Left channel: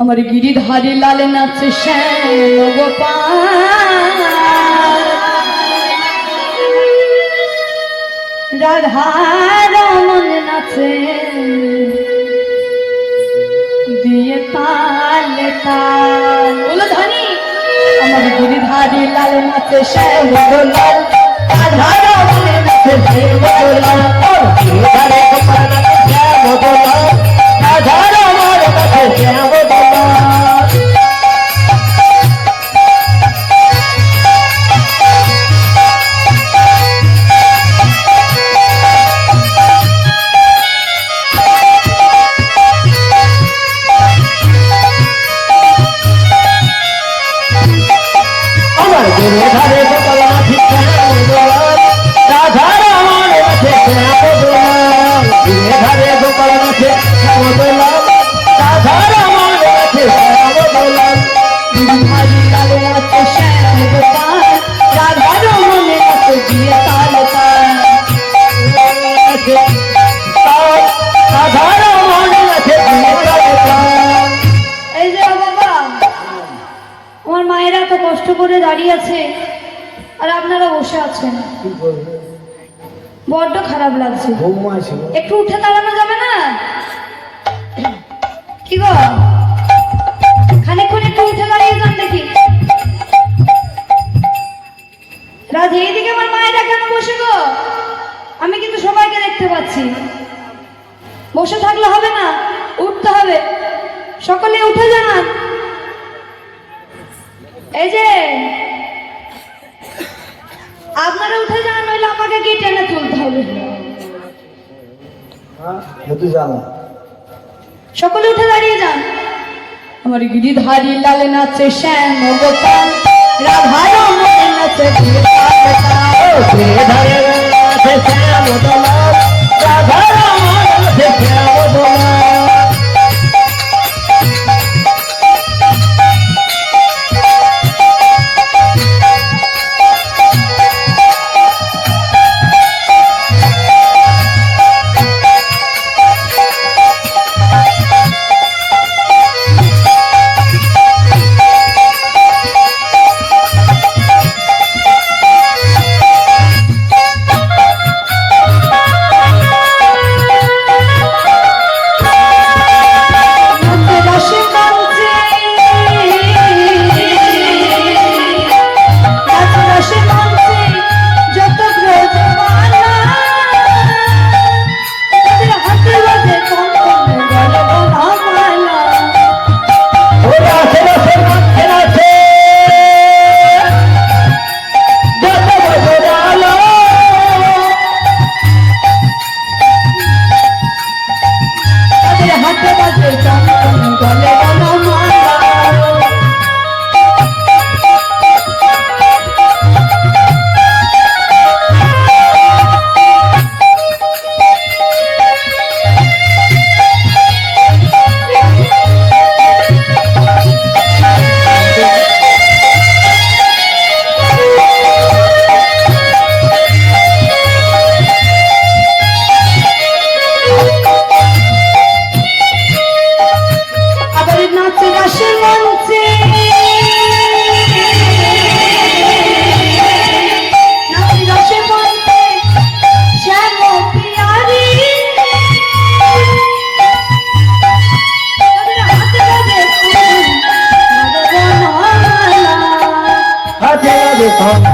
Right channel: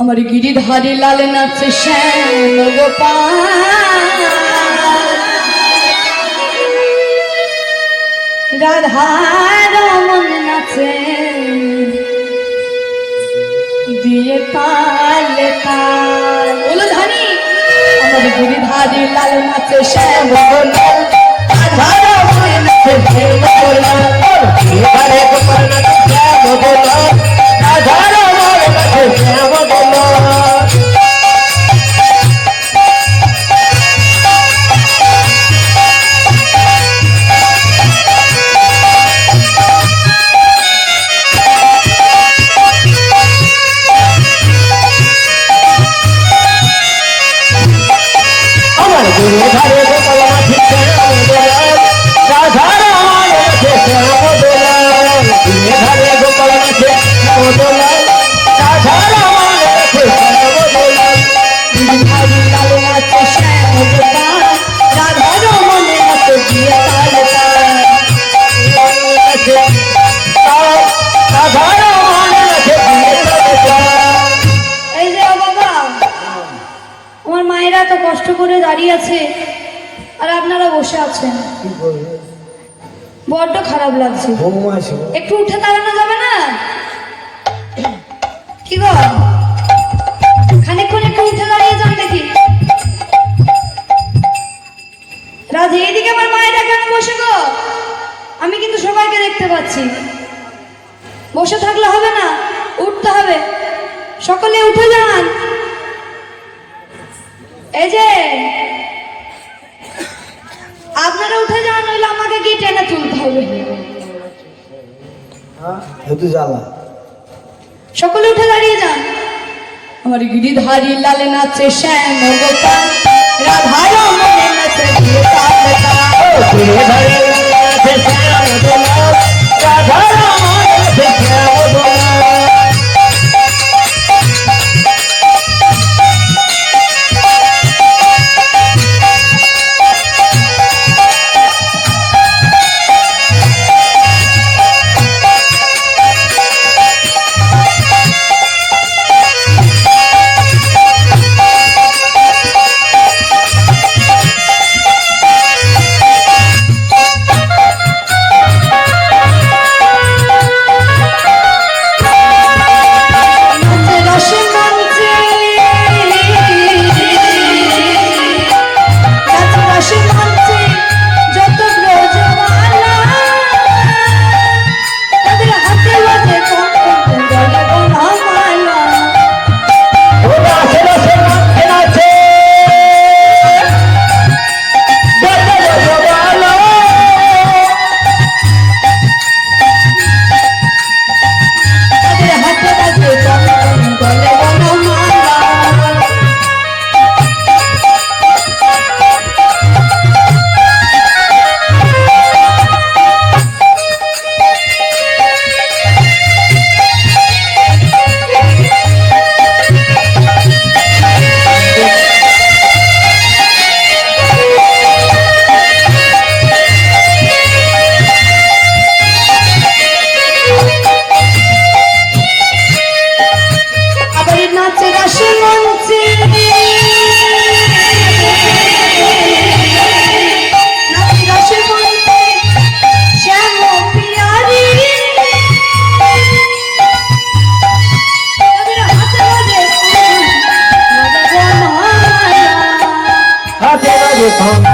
আমার গিরিধারে লাল নাচে শ্যাম গোপাল, রাধার মন নাচে দিয়ে তালে তাল। বলো ধানি আমার গিরিধারে লাল নাচে শ্যাম গোপাল, রাধার মন নাচে দিয়ে গোপাল। গিরিধারে গোপাল শ্যাম গোপাল, রাধার মন নাচে শ্যাম গোপাল। কষ্ট করে দাঁড়িয়ে আছে আর আপনারা বসে আছেন, বড্ড খারাপ লাগছে। একটু উঠে দাঁড়ানো যাবে না? কি গো, খানিকক্ষণ একটু উঠে দাঁড়িয়ে যান দেখি। রাজ, এইদিকে আমার মায়েরা কেন বসে গো? আমি কিন্তু সবাইকে দেখতে পাচ্ছি। বসে থাকলে হবে না, উঠতে হবে। সকলে উঠে যান। এই যে আপনারা উঠে যান, নইলে আমাকে কি টেনে তুলতে হবে। সকলে উঠে দাঁড়িয়ে যান। আমার গিরিধারী লাল নাচে শ্যাম গোপাল, রাধার মনে নাচে গিরিধারী নাচে শ্যাম গোপাল, রাধার মনে নাচে শ্যাম গোপাল। Come